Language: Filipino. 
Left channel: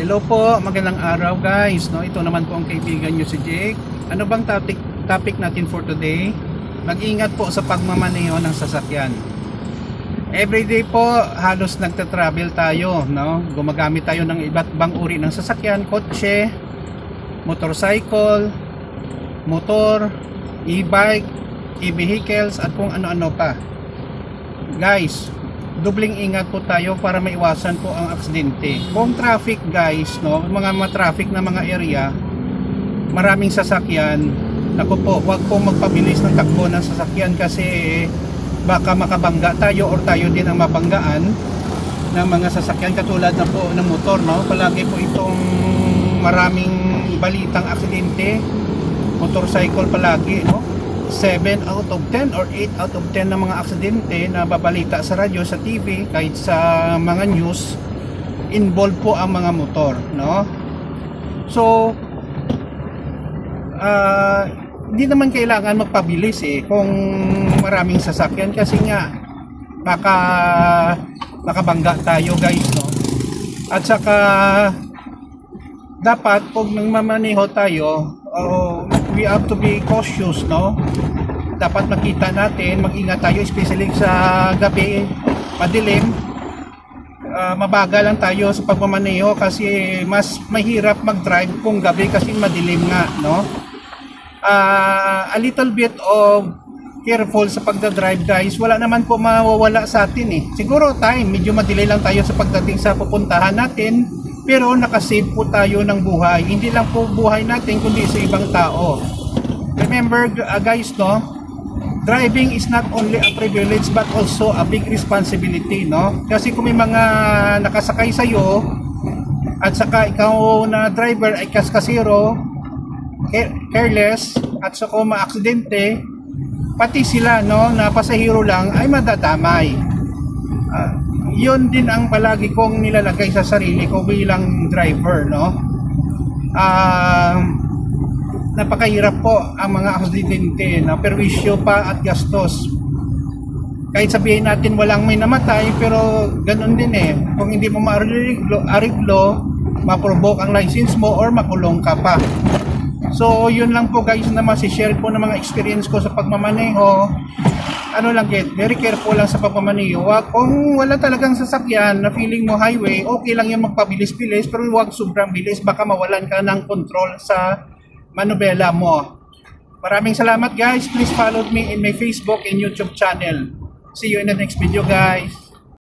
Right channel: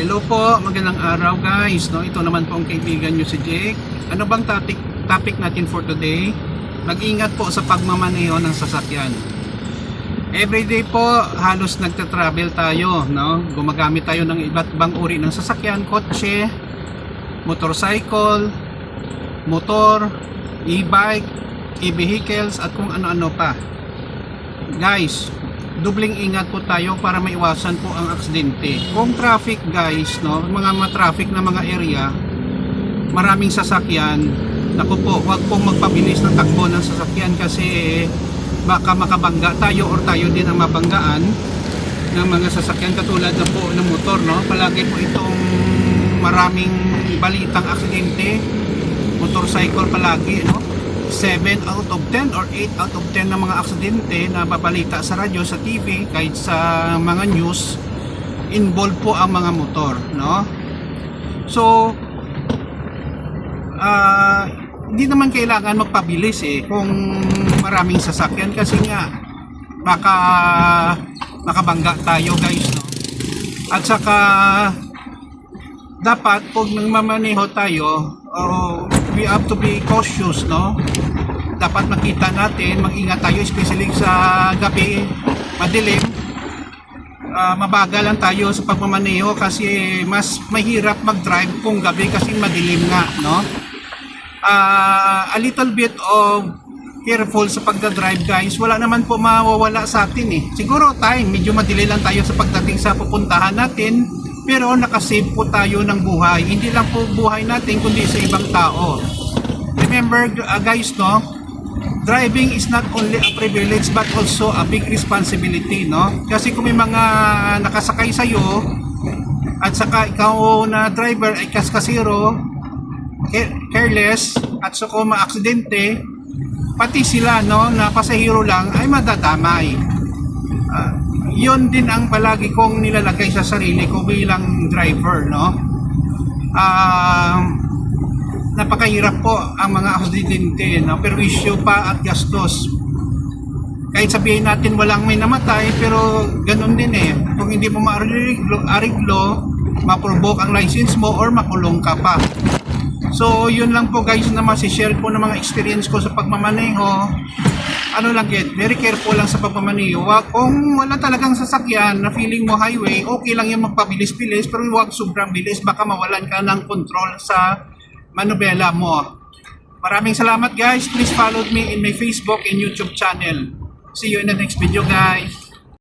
Hello po, magandang araw guys. No, ito naman po ang kaibigan nyo si Jake. Ano bang topic natin for today? Mag-ingat po sa pagmamaneho ng sasakyan. Everyday po halos nagta-travel tayo, no? Gumagamit tayo ng iba't ibang uri ng sasakyan, kotse, motorcycle, motor, e-bike, e-vehicles at kung ano-ano pa. Guys, dobling ingat po tayo para maiwasan po ang aksidente. Kung traffic guys, no, mga traffic na mga area, maraming sasakyan, naku po, wag pong magpabilis ng takbo ng sasakyan kasi baka makabangga tayo or tayo din ang mabanggaan ng mga sasakyan katulad na po ng motor, no. Palagi po itong maraming balitang aksidente, motorcycle palagi, no. 7 out of 10 or 8 out of 10 ng mga aksidente na babalita sa radyo, sa TV, kahit sa mga news, involved po ang mga motor, no? So, hindi naman kailangan magpabilis kung maraming sasakyan kasi nga baka makabangga tayo guys, no? At saka dapat pag nagmamaneho tayo, we have to be cautious, no? Dapat makita natin, mag-ingat tayo especially sa gabi, madilim. Mabagal lang tayo sa pagmamaneho kasi mas mahirap mag-drive kung gabi kasi madilim nga, no? A little bit of careful sa pagdadrive guys, wala naman po mawawala sa atin Siguro time, medyo madili lang tayo sa pagdating sa pupuntahan natin, pero nakasave po tayo ng buhay. Hindi lang po buhay natin kundi sa ibang tao. Remember guys, no, driving is not only a privilege but also a big responsibility, no? Kasi kung may mga nakasakay sa iyo at saka ikaw na driver ay kaskasiro, careless at saka maaksidente, pati sila, no, na pasahero lang ay madadamay. Yun din ang palagi kong nilalagay sa sarili ko bilang driver, no. Napakahirap po ang mga aksidente, no? Perwisyo pa at gastos. Kahit sabihin natin walang may namatay, pero ganun din kung hindi mo ma-ariglo, ma-provoke ang license mo or makulong ka pa. So yun lang po guys na masishare ko ng mga experience ko sa pagmamaneho. Ano lang, very careful lang sa pagmamaneho. Kung wala talagang sasakyan na feeling mo highway, okay lang yung magpabilis-bilis, pero huwag sobrang bilis, baka mawalan ka ng control sa manubela mo. Maraming salamat guys. Please follow me in my Facebook and YouTube channel. See you in the next video guys.